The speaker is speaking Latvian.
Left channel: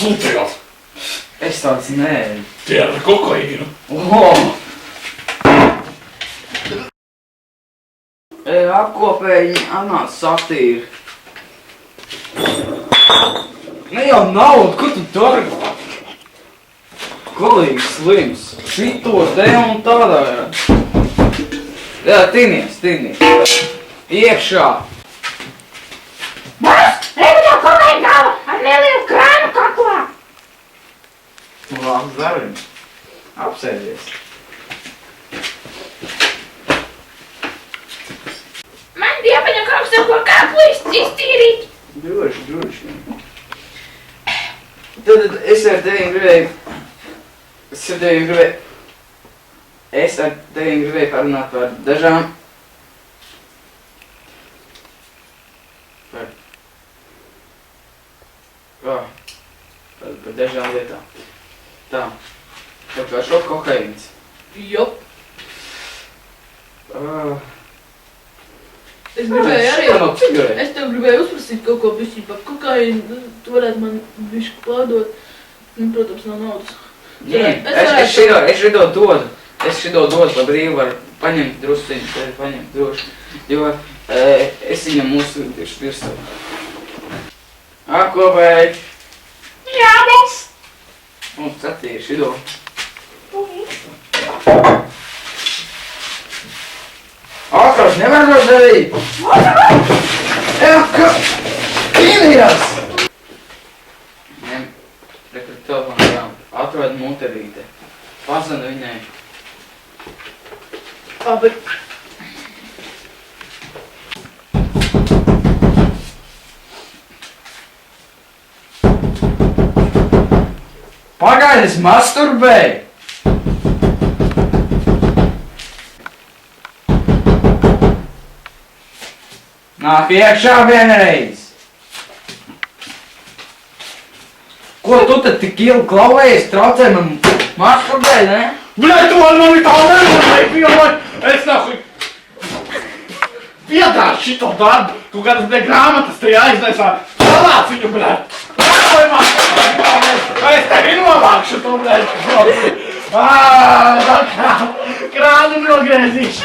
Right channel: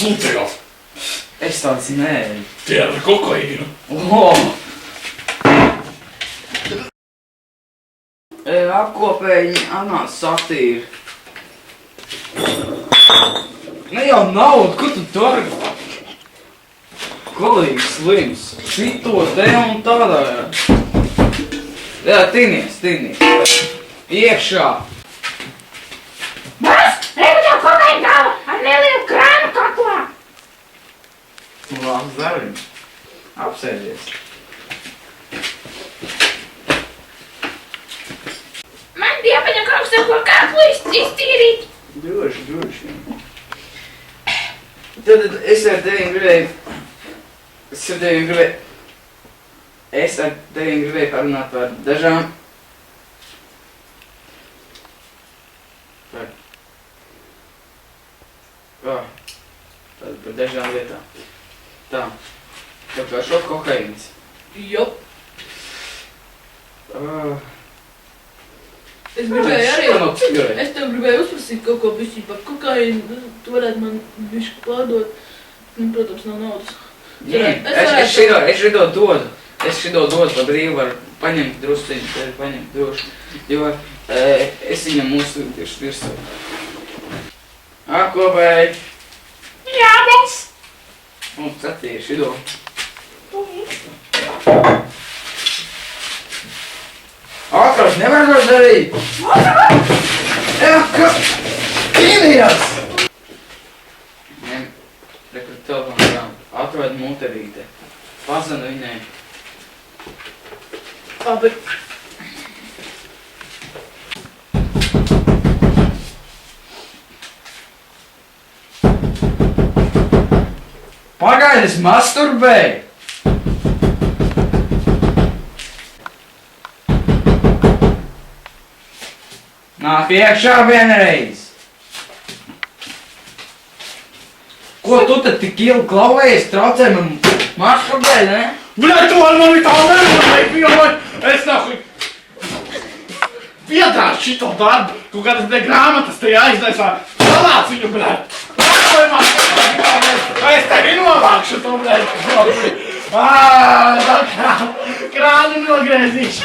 sūdzījās? Es tāds nē. Tie ar kokaīnu. Apkopēji anās satīri. Ne jau naudu, ko tu dari? Kolīgi slims. Šito te un tādā. Jā, tinies. Iekšā. Bas, reviņo kokaīnu galva ar nelielu krānu kaklā. Labs darbs. Apsēdies. Man bija jāpaņem kaut kas, ko kaklu iztīrīt. Droši. Tad es ar tevim gribēju parunāt par dažām par dažām lietām. Tā kā šo kokaīns. Jop. Es tev gribēju uzprasīt kaut ko bišķi par kokaīnu. Tu varētu man bišķi pārdot. Protams, nav naudas. Es šito dodu pa brīvu, var paņemt droši, jo es viņam uzsūtīšu virsū. Apkopēji! Jā, mēs. Un skatīju šito. Akars, nevar to darīt! Pīnījās! Rekord telefonu grāmatu. Atrod muterīte. Pazvanu viņai. Labi. Pagaidi, es masturbēju! Nāk iekšā vienreiz! Ko tu tad tik ilgi klauvējies, traucē man masturbēt, ne? Bļet, tu man tā nevarēji pielēt! Es nahuj piedāšu šito darbu! Tu kādas bija grāmatas te jāiznesā! Salāc viņu, bļet! Es tevi novākšu to, bļet! Krāni nogrēzīšu!